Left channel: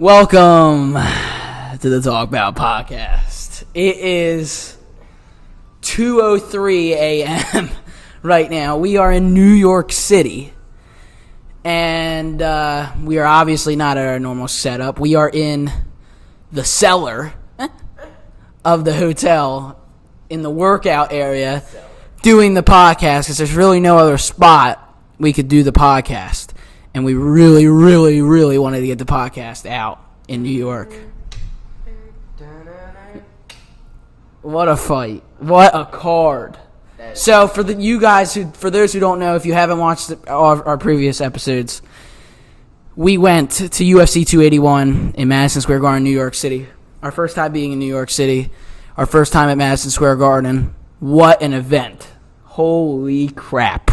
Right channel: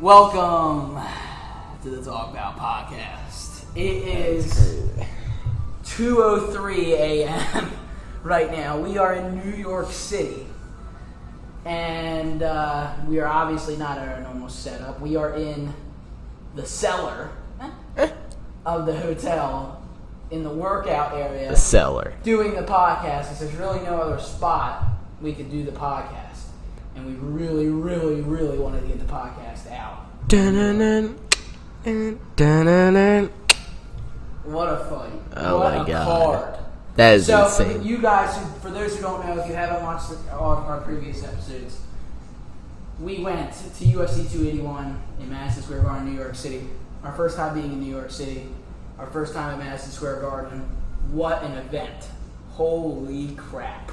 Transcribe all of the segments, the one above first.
Welcome to the Talk Bout podcast. It is 2:03 a.m. right now. We are in New York City, and we are obviously not at our normal setup. We are in the cellar of the hotel in the workout area. The cellar. Doing the podcast because there's really no other spot we could do the podcast. And we really, really, really wanted to get the podcast out in New York. What a fight. What a card. That is so insane. For those who don't know, if you haven't watched our previous episodes, we went to UFC 281 in Madison Square Garden, New York City. Our first time being in New York City. Our first time at Madison Square Garden. What an event. Holy crap.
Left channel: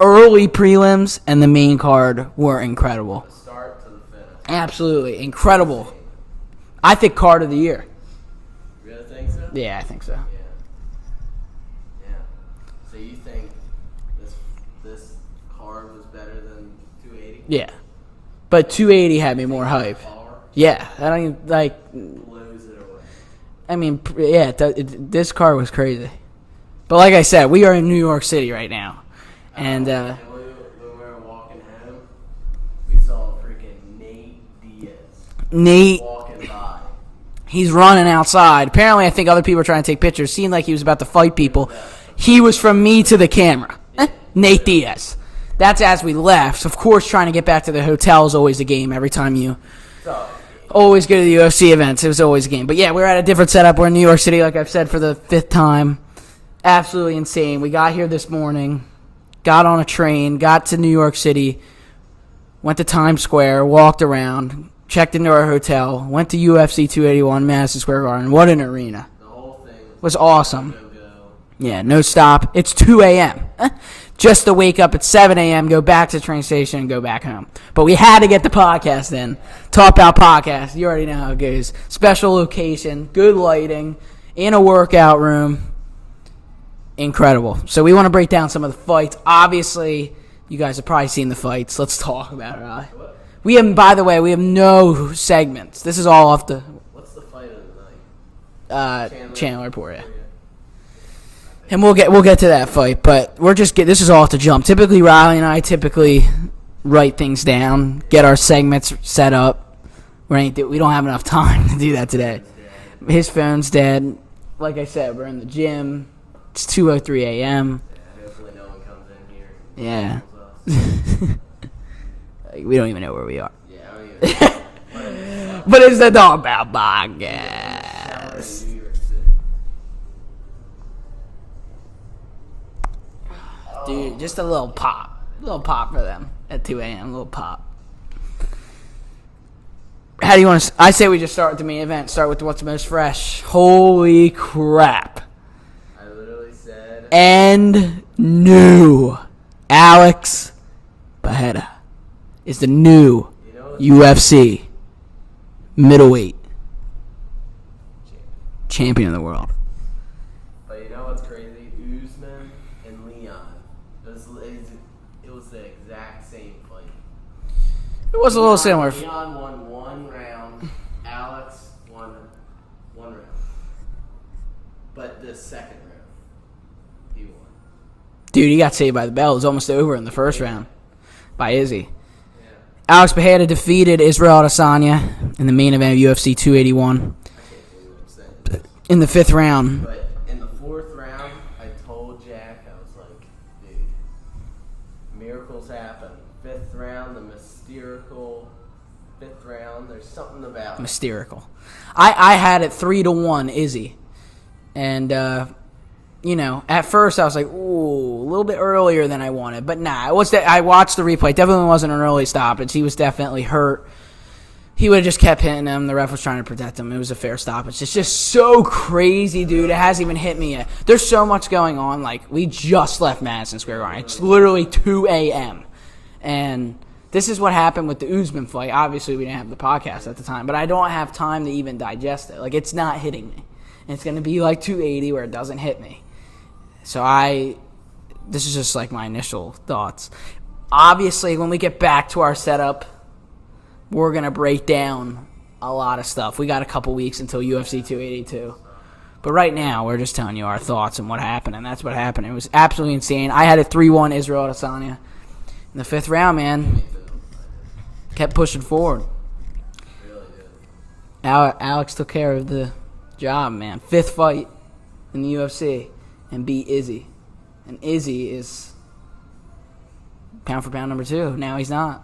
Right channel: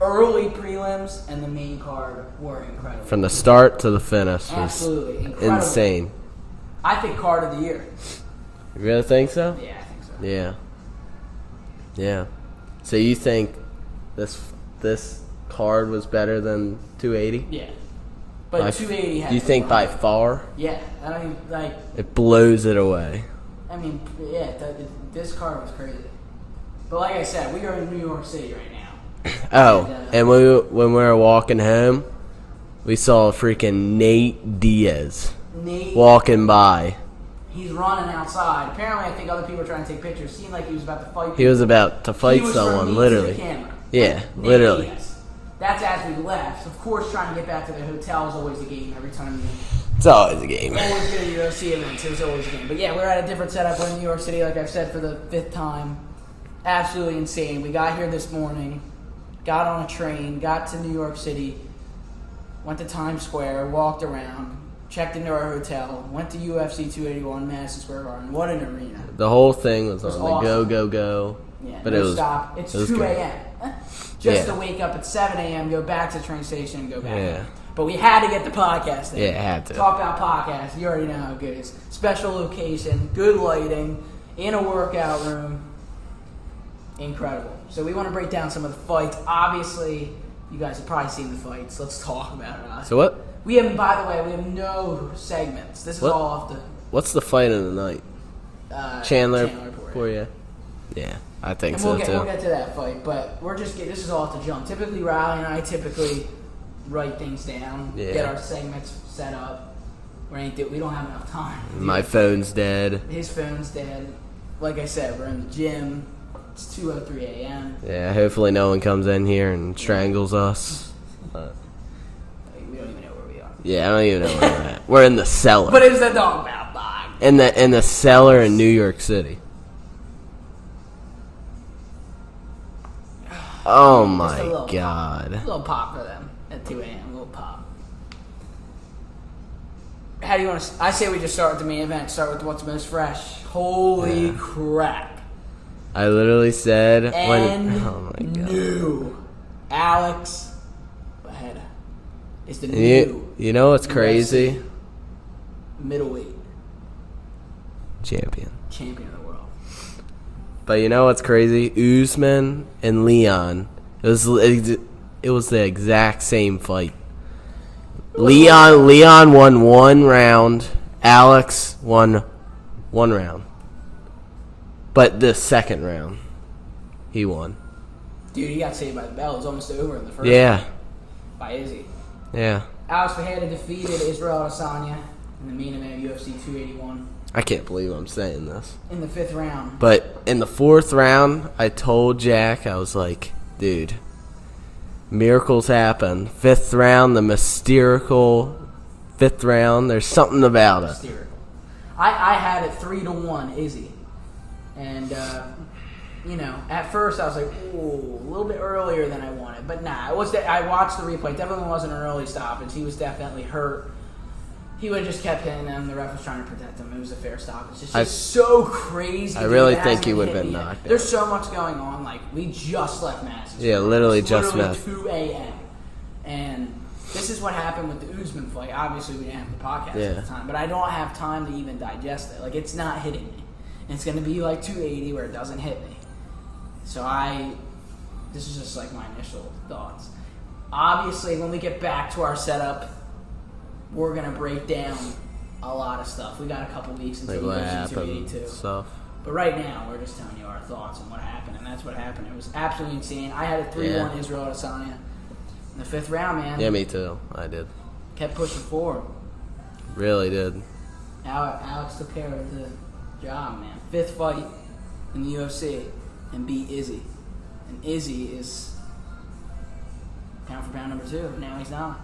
Early prelims and the main card were incredible. From the start to the finish. Absolutely. Incredible. Insane. I think card of the year. You really think so? Yeah, I think so. Yeah. So you think this card was better than 280? Yeah. But 280 had me more hype. You think by far? Yeah. I don't even, it blows it away. I mean, yeah, this card was crazy. But like I said, we are in New York City right now. Oh, and when we were walking home, we saw freaking Nate Diaz walking by. He's running outside. Apparently, I think other people were trying to take pictures. Seemed like he was about to fight people. He was about to fight He was from me literally. to the camera. Yeah, Nate literally. Diaz. That's as we left. Of course, trying to get back to the hotel is always a game every time you... It's always a game. Always go to the UFC events. It was always a game. But yeah, we're at a different setup. We're in New York City, like I've said, for the 5th time. Absolutely insane. We got here this morning. Got on a train, got to New York City, went to Times Square, walked around, checked into our hotel, went to UFC 281, Madison Square Garden. What an arena. The whole thing was awesome. Go. Yeah, no stop. It's 2 a.m. Just to wake up at 7 a.m., go back to the train station, and go back home. But we had to get the podcast in. Yeah, had to. Talk About Podcast. You already know how it goes. Special location, good lighting, in a workout room. Incredible. So we want to break down some of the fights. Obviously, you guys have probably seen the fights. Let's talk about it. So what? By the way, we have no segments. This is all off the... What's the fight of the night? Chandler Poirier. Yeah, I think. And so we'll get to that fight, but this is all off the jump. Typically, Riley and I write things down, get our segments set up. We don't have enough time to do that today. My phone's dead. His phone's dead. Like I said, we're in the gym. It's 2:03 a.m. Yeah, hopefully no one comes in here and strangles us. We don't even know where we are. Yeah, I don't even know where we're at. We're in the cellar. But it's the Talk Bout podcast. In the cellar in New York City. Oh my Just a little God. pop. A little pop for them at 2 a.m. A little pop. How do you want to... I say we just start with the main event. Start with what's most fresh. Holy crap. I literally said... New Alex Bajeda is the new you know what's UFC crazy? middleweight champion of the world. But you know what's crazy? Usman and Leon. It was the exact same fight. Leon won 1 round. Alex won 1 round. But the second round, he won. Dude, he got saved by the bell. It was almost over in the first round by Izzy. Yeah. Alex Bajeda defeated Israel Adesanya in the main event of UFC 281. I can't believe I'm saying this. In the 5th round. But in the 4th round, I told Jack, I was like, dude, miracles happen. 5th round, the mystical 5th round. There's something about it. Hysterical. I had it 3-1 Izzy. And, at first I was like, ooh, a little bit earlier than I wanted. But nah, I watched the replay. Definitely wasn't an early stoppage. He was definitely hurt. He would have just kept hitting him. The ref was trying to protect him. It was a fair stoppage. It's just so crazy, dude. Really it hasn't even hit me yet. There's so much going on. Like, we just left Madison Square Garden. Literally it's literally just 2 a.m. And this is what happened with the Usman fight. Obviously, we didn't have the podcast at the time. But I don't have time to even digest it. Like, it's not hitting me. It's going to be like 280 where it doesn't hit me. So this is just like my initial thoughts. Obviously, when we get back to our setup, we're going to break down a lot of stuff. We got a couple weeks until UFC 282. So. But right now, we're just telling you our thoughts and what happened, and that's what happened. It was absolutely insane. I had a 3-1 Israel Adesanya in the 5th round, man. Yeah, me too. I did. Kept pushing forward. Really did. Alex took care of the job, man. 5th fight in the UFC and beat Izzy. And Izzy is pound for pound number 2. Now he's not.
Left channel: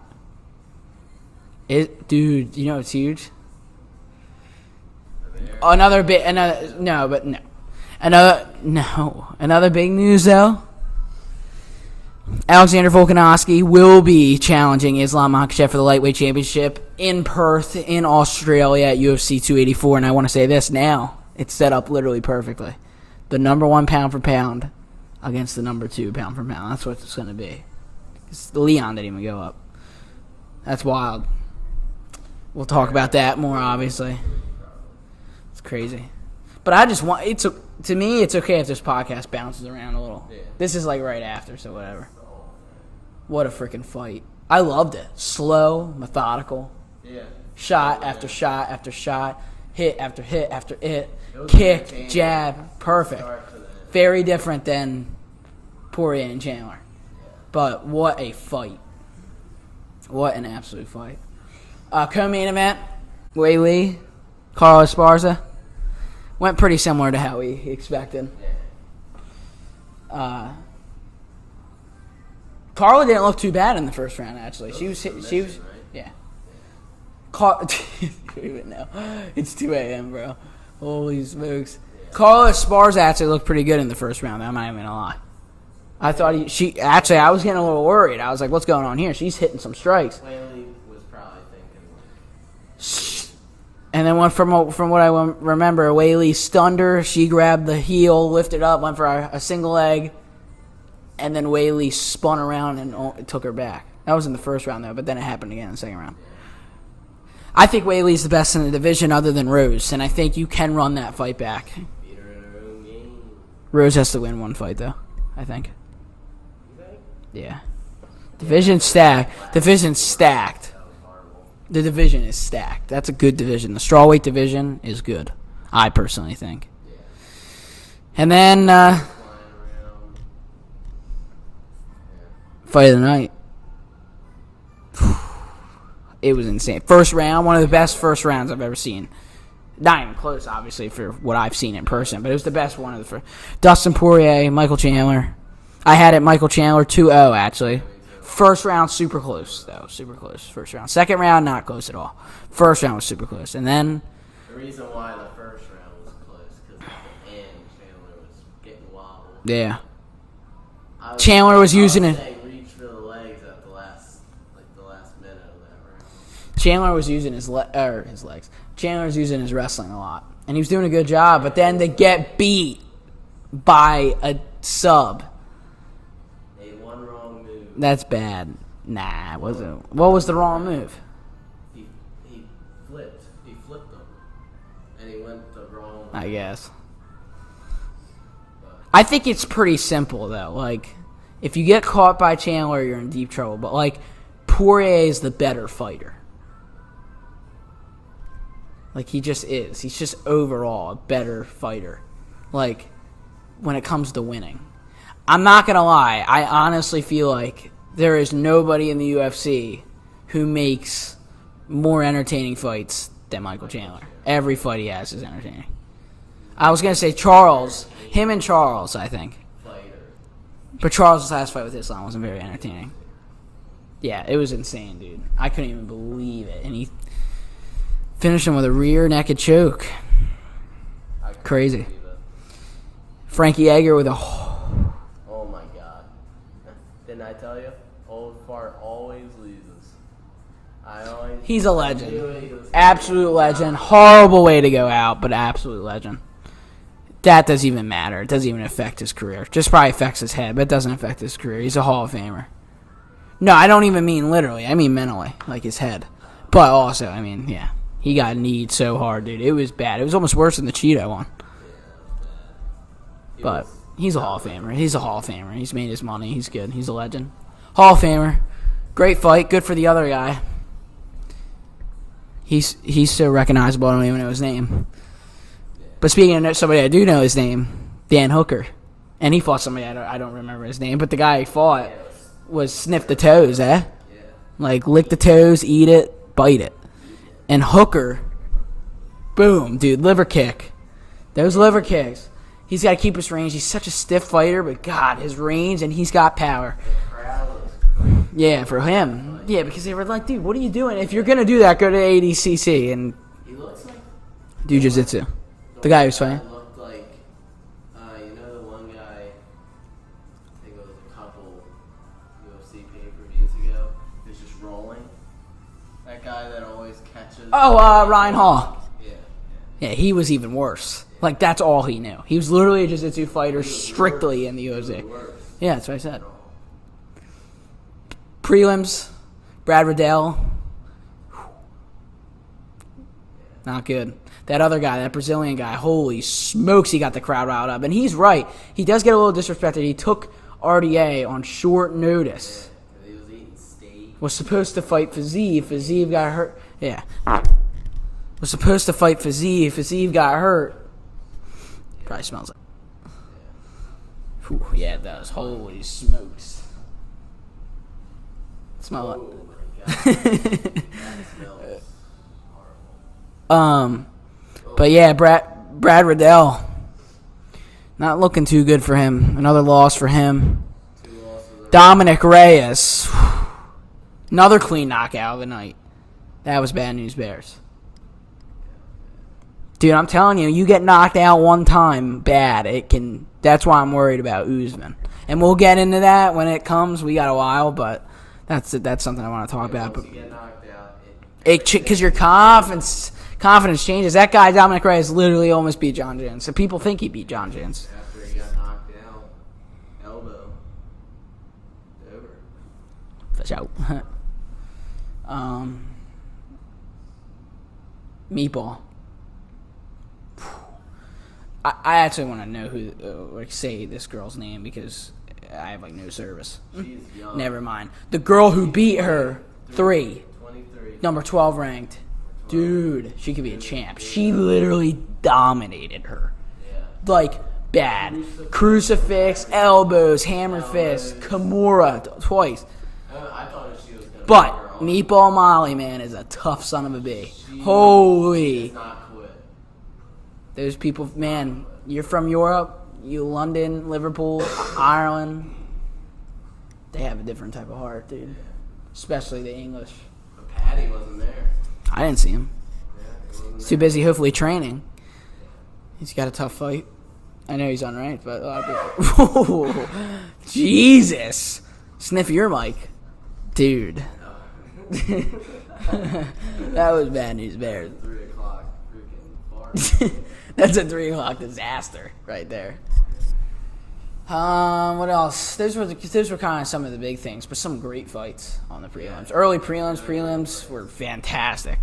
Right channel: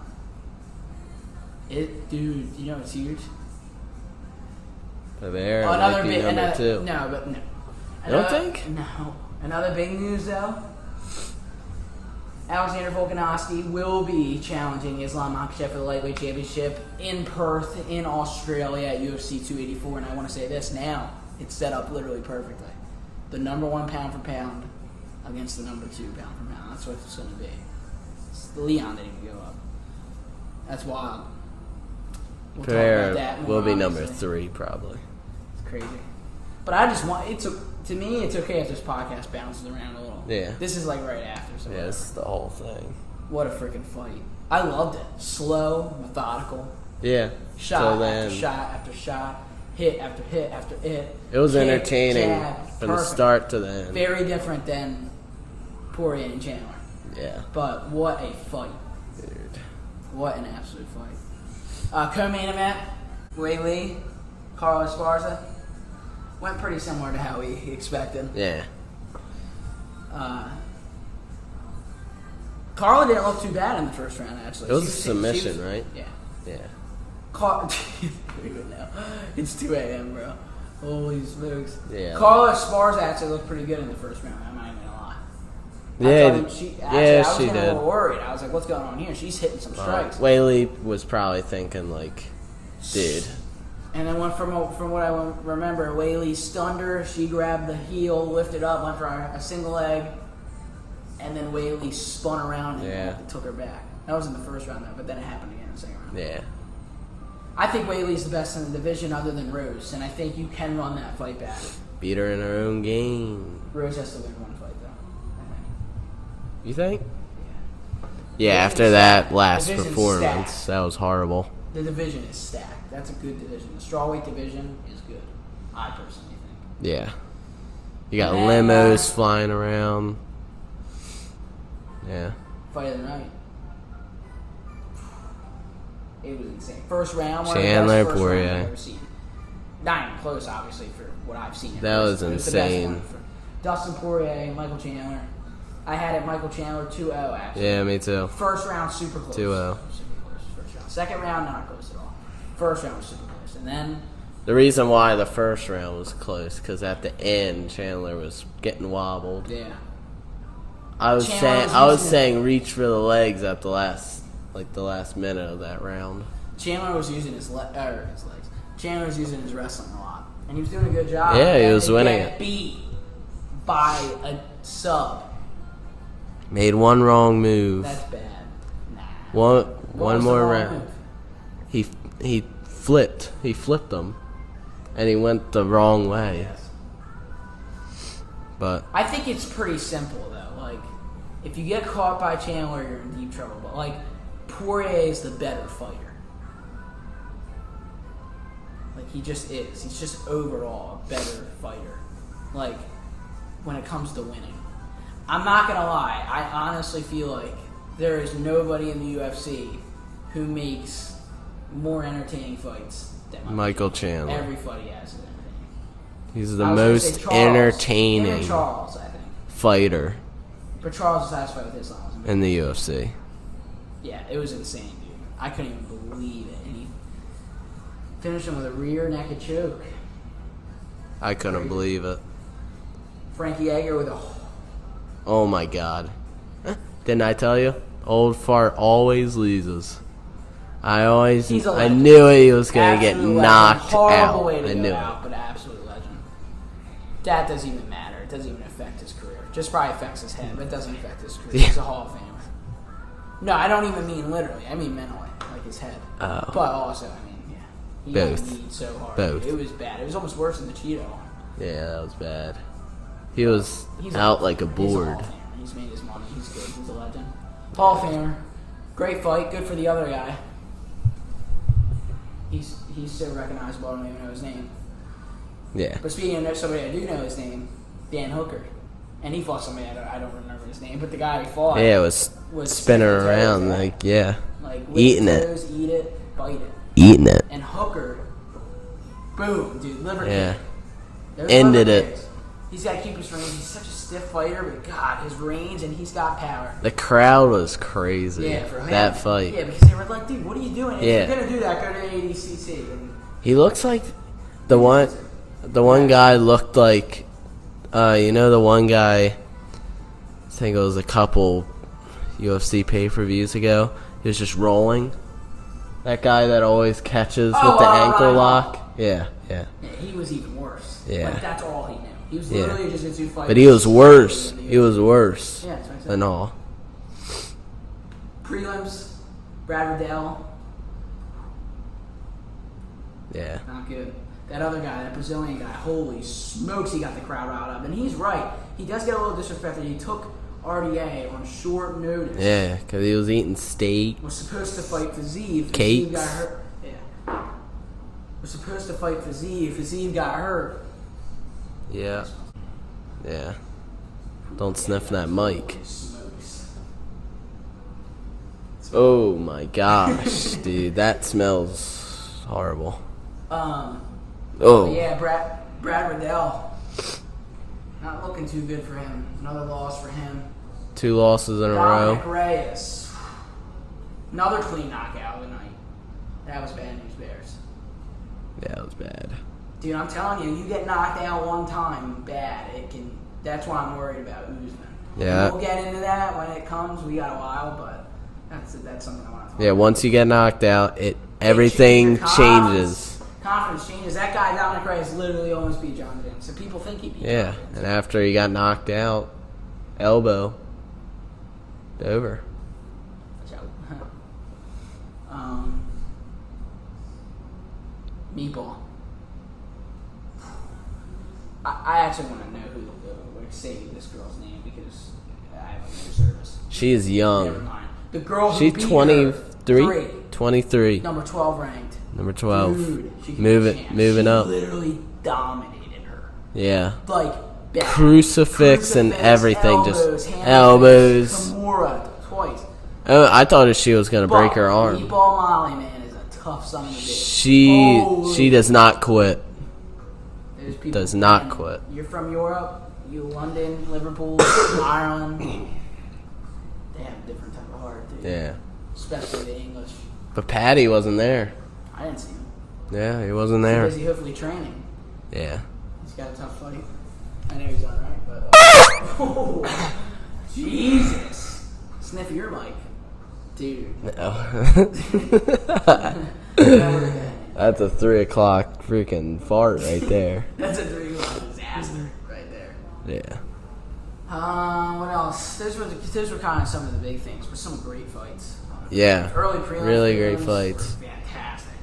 Dude, you know it's huge. Another big news though. Alexander Volkanovski will be challenging Islam Makhachev for the lightweight championship in Perth, in Australia at UFC 284. And I want to say this now. It's set up literally perfectly. The number 1 pound for pound against the number 2 pound for pound. That's what it's going to be. Leon didn't even go up. That's wild. We'll talk about that more, obviously. Number 3, probably. It's crazy. But I just want... to me, it's okay if this podcast bounces around a little. Yeah. This is like right after, so whatever. That's the whole thing. What a freaking fight. I loved it. Slow, methodical. Yeah. Shot after shot after shot. Hit after hit after hit. It was kick, entertaining jab, from perfect. the start to the end. Very different than Poirier and Chandler. Yeah. But what a fight. Dude. What an absolute fight. Co-main event, Wei Lee, Carlos Esparza. Went pretty similar to how we expected. Yeah. Carla didn't look too bad in the first round, actually. It was a submission, right? Yeah. Yeah. No. It's 2 a.m., bro. Holy smokes. Yeah. Carla Esparza actually looked pretty good in the first round. I'm not even going to lie. I Yeah, thought I was getting a did. little worried. I was like, what's going on here? She's hitting some strikes. Whaley was probably thinking, like, dude. And then from what I remember, Whaley stunned her. She grabbed the heel, lifted up, went for a single leg, and then Whaley spun around and took her back. That was in the first round, though, but then it happened again in the second round. Yeah. I think Whaley's the best in the division other than Rose, and I think you can run that fight back. Beat her in her own game. Rose has to win one fight, though, I think. You think? Yeah. Yeah, Division's after stacked. that last Division's performance, stacked. that was horrible. The division is stacked. That's a good division. The strawweight division is good, I personally think. Yeah. You And got then, limos flying around. Yeah. Fight of the night. It was insane. First round, one of the best first rounds I've ever seen. Not even close, obviously, for what I've seen in person, but it was the best one of the first. Dustin Poirier, Michael Chandler. I had it Michael Chandler 2-0, actually. Yeah, me too. First round, super close, 2-0. though. Super close, first round. Second round, not close at all. First round was super close. And then... The reason why the first round was close, because at the end, Chandler was getting wobbled. Yeah. I was saying reach for the legs at the last minute of that round. Chandler was using his legs. Chandler was using his wrestling a lot, and he was doing a good job. Yeah, but then he was get beat by a sub. Made one wrong move. That's bad. Nah. What was the wrong move? He flipped. He flipped him, and he went the wrong way. I guess. But I think it's pretty simple though. Like, if you get caught by Chandler, you're in deep trouble. But like, Poirier is the better fighter. Like, he just is. He's just overall a better fighter. Like, when it comes to winning. I'm not going to lie. I honestly feel like there is nobody in the UFC who makes more entertaining fights than Michael Chandler. Every fight he has is entertaining. He's the I was going to say Charles. Him and Charles, I think. Fighter. But Charles' last fight with Islam was very in the entertaining. UFC. Yeah, it was insane, dude. I couldn't even believe it. And he finished him with a rear naked choke. I couldn't believe it. Frankie Edgar with a... Oh, my God. Didn't I tell you? Old fart always loses. He's a legend. I knew he was going to get knocked Horrible out. way to go out, but absolute legend. That doesn't even matter. It doesn't even affect his career. Just probably affects his head, but it doesn't affect his career. He's a Hall of Famer. No, I don't even mean literally. I mean mentally, like his head. Oh. But also, I mean, yeah. He got kneed so hard, dude. It was bad. It was almost worse than the Cheeto one. Yeah, that was bad. He's out like a board. He's a Hall of Famer. He's made his money. He's good. He's a legend. Hall of Famer. Great fight. Good for the other guy. He's so recognizable, I don't even know his name. Yeah. But speaking of somebody I do know his name, Dan Hooker. And he fought somebody I don't remember his name, but the guy he fought Yeah, it was sniff the spinning toes, around, eh? like, yeah. Like lick Eating the toes, eat it, bite it. Eating it. And Hooker, boom, dude, liver kick. Those Ended liver it. kicks. He's got to keep his range. He's such a stiff fighter, but God, his range, and he's got power. The crowd was crazy. Yeah, for him. That fight. Yeah, because they were like, dude, what are you doing? If you're going to do that, go to ADCC. And He looks like the do one. jiu-jitsu. The guy one who's guy from- looked like, the one guy. I think it was a couple UFC pay-per-views ago. He was just rolling. That guy that always catches with the ankle Ryan lock. Hall. Yeah. Yeah, he was even worse. Yeah. Like, that's all he knew. He was literally a jiu-jitsu fighter. But he was strictly worse. in the He was UFC. worse. Yeah, that's what I said. Than all. Prelims, Brad Riddell, Yeah. not good. That other guy, that Brazilian guy, holy smokes, he got the crowd riled up. And he's right. He does get a little disrespected. He took RDA on short notice. Yeah, because he was eating steak. Was supposed to fight Fiziev. Fiziev Cakes. got hurt. Yeah. Was supposed to fight Fiziev. Fiziev got hurt. Yeah. Probably smells like. Yeah. Don't Yeah, sniff that was- mic. Holy smokes. Oh my gosh, dude, that smells horrible. Oh. But yeah, Brad Riddell, not looking too good for him. Another loss for him. 2 losses in a Dominic row. Reyes, another clean knockout of the night. That was bad news, Bears. Yeah, it was bad. Dude, I'm telling you, you get knocked out one time, bad. It can. That's why I'm worried about Usman. Yeah. And we'll get into that when it comes. We got a while, but that's something I want to talk Yeah, about. once you get knocked out, Because everything your changes. confidence changes. That guy, Dominic Reyes, literally almost beat John Jones. So people think he beat Yeah, John Jones. and after he got knocked out, elbow, over. Watch out. Meatball. I actually want to know who, say this girl's name because I have no service. She is young. Never mind. The girl who She's beat her 23. number 12 ranked. Number 12. Dude, she could Moving- be a champ. moving she up. literally dominated her. Yeah. Like, bad. Crucifix and everything, just Elbows, hammer elbows. fist, Kimura twice. Oh, I thought she was going to But break her arm. Meatball Molly, man, is a tough son of a bitch. She does not quit. Those people does not man, quit. You're from Europe, you London, Liverpool, Ireland. They have a different type of heart, dude. Yeah. Especially the English. But Patty wasn't there. I didn't see him. Yeah, he wasn't Too there. busy, hopefully training. Yeah. He's got a tough fight. I know he's unranked, but Jesus, sniff your mic, dude. That was bad news. That's Bear. a 3 o'clock freaking fart right there. That's a 3 o'clock disaster right there. Yeah. What else? Those were kind of some of the big things, but some great fights on the prelims. Yeah. Early prelims, Really great prelims fights. were fantastic.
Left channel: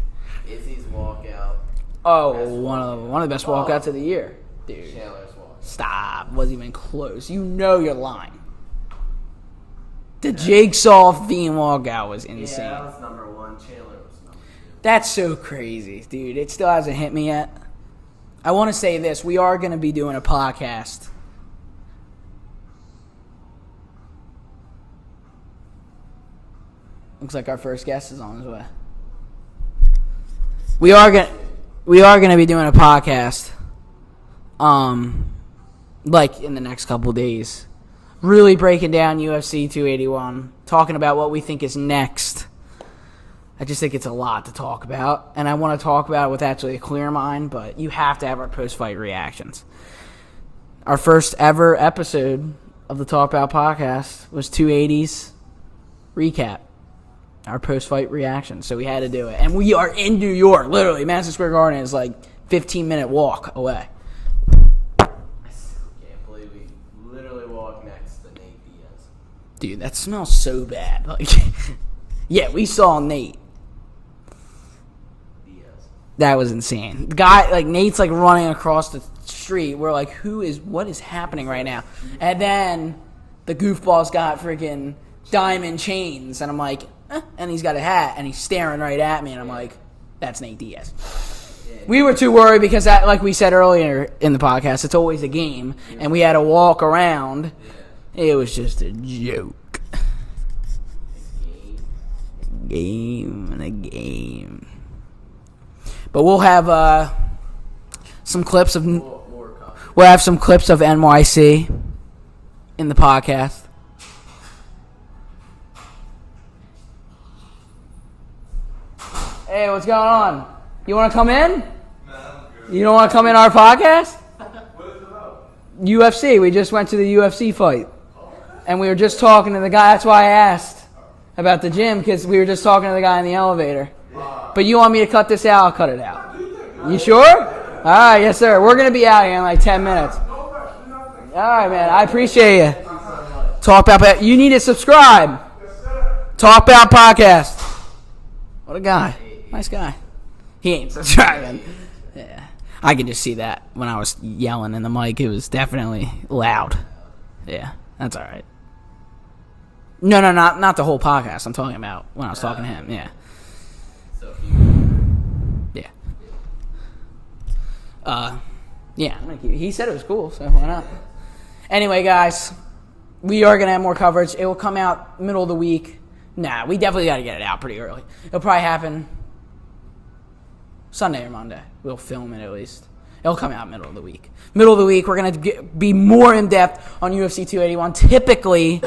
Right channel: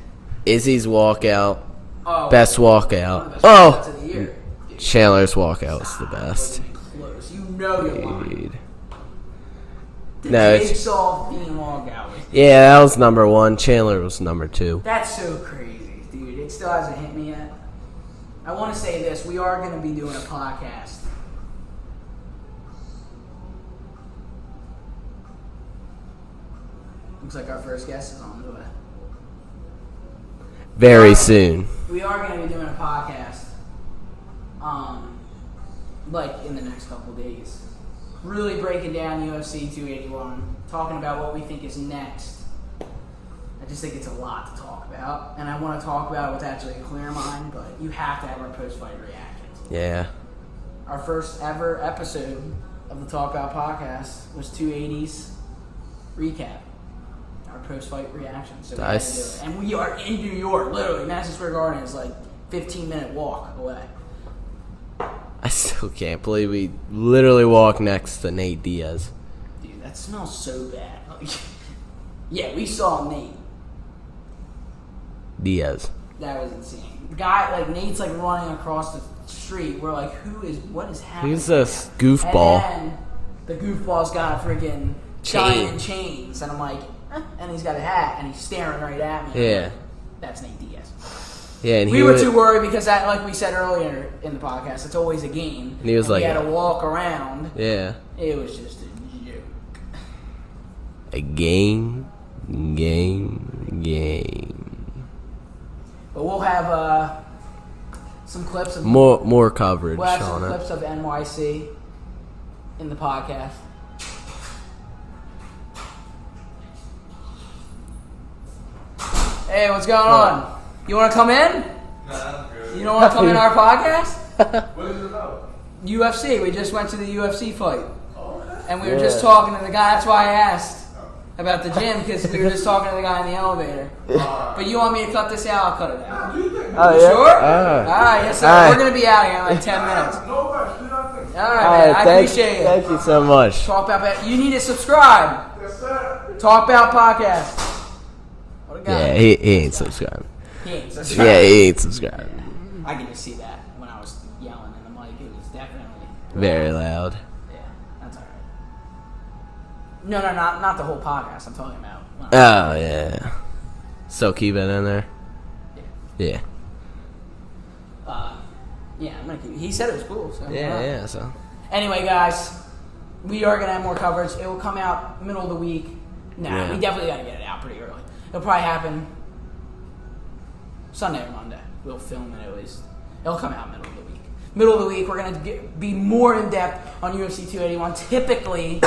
Izzy's walkout. Oh, Best one walkout. of the best walkouts of the year. Dude. Chandler's walkout was Stop. the Wasn't best. even close. You know you're lying. Dude. The No, it's- Jigsaw Fiend walkout was insane. Yeah, that was number 1. Chandler was number 2. That's so crazy, dude. It still hasn't hit me yet. I want to say this. We are going to be doing a podcast. Looks like our first guest is on his way. Very soon. We are going to be doing a podcast, like in the next couple days. Really breaking down UFC 281, talking about what we think is next. I just think it's a lot to talk about, and I want to talk about it with actually a clear mind, but you have to have our post-fight reactions. Yeah. Our first ever episode of the Talk About podcast was 280's recap, our post-fight reaction, so we had to do it. And we are in New York, literally. Madison Square Garden is like 15-minute walk away. I still can't believe we literally walked next to Nate Diaz. Dude, that smells so bad. Like, yeah, we saw Nate. Diaz. That was insane. The guy, like, Nate's, like, running across the street. We're like, what is happening Who's right this now? goofball? And then the goofball's got freaking diamond chains. And I'm like, and he's got a hat, and he's staring right at me. And I'm Yeah. like, That's Nate Diaz. Yeah, and We were too worried because, that, like we said earlier in the podcast, it's always a game. And we had to walk around. Yeah. It was just a joke. A game, and a game. But we'll have some clips of... More coverage. We'll have some clips of NYC in the podcast. Hey, what's going on? You want to come in? Nah, good. You don't want to come in our podcast? What is it about? UFC. We just went to the UFC fight. And we were just talking to the guy. That's why I asked about the gym, because we were just talking to the guy in the elevator. But you want me to cut this out? I'll cut it out. You sure? All right, yes, sir. We're going to be out here in like 10 minutes. All right, man. I appreciate you. Thank you so much. Talk About... You need to subscribe. Talk About Podcast. What a guy. Yeah, he ain't subscribed. He ain't subscribed. Yeah, he ain't subscribed. Yeah. I could just see that when I was yelling in the mic. It was definitely loud. Very loud. Yeah, that's all right. No, not the whole podcast. I'm talking about when I was Yeah. So keep it in there. Yeah. Yeah. Yeah. No, he said it was cool. So why not? Yeah. So. Anyway, guys, we are gonna have more coverage. It will come out middle of the week. Nah, we definitely got to get it out pretty early. It'll probably happen Sunday or Monday. We'll film it at least. It'll come out middle of the week. Middle of the week, we're going to be more in-depth on UFC 281. Typically,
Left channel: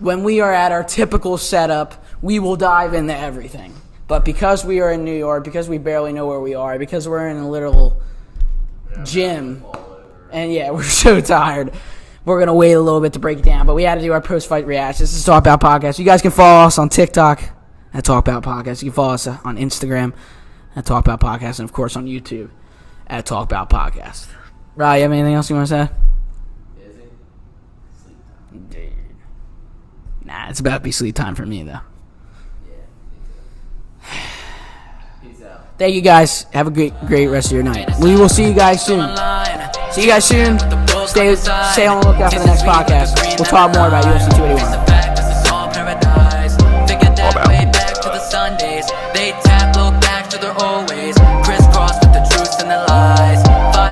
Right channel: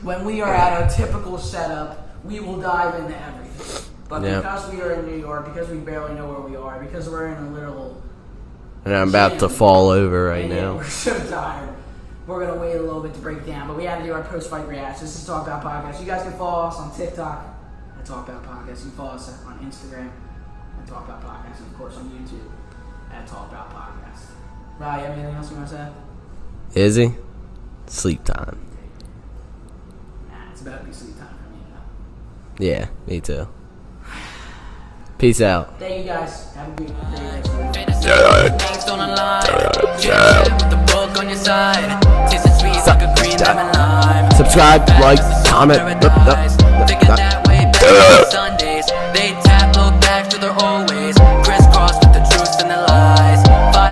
when we are at our typical setup, we will dive into everything. But because we are in New York, because we barely know where we are, because we're in a literal And I'm gym, about to fall over right now. yeah, we're so tired. We're going to wait a little bit to break it down. But we had to do our post-fight reactions. This is Talk About Podcast. You guys can follow us on TikTok at Talk About Podcast. You can follow us on Instagram at Talk About Podcast. And, of course, on YouTube at Talk About Podcast. Ryan, you have anything else you want to say? Is he? Sleep time. Nah, it's about to be sleep time for me, though. Yeah, me too. Peace out. Thank you, guys. Have a great rest of your night. We will see you guys soon. See you guys soon. Stay on the lookout for the next podcast. We'll talk more about you. Subscribe, like, comment. Thinking that way back on Sundays. They tap, look back to their old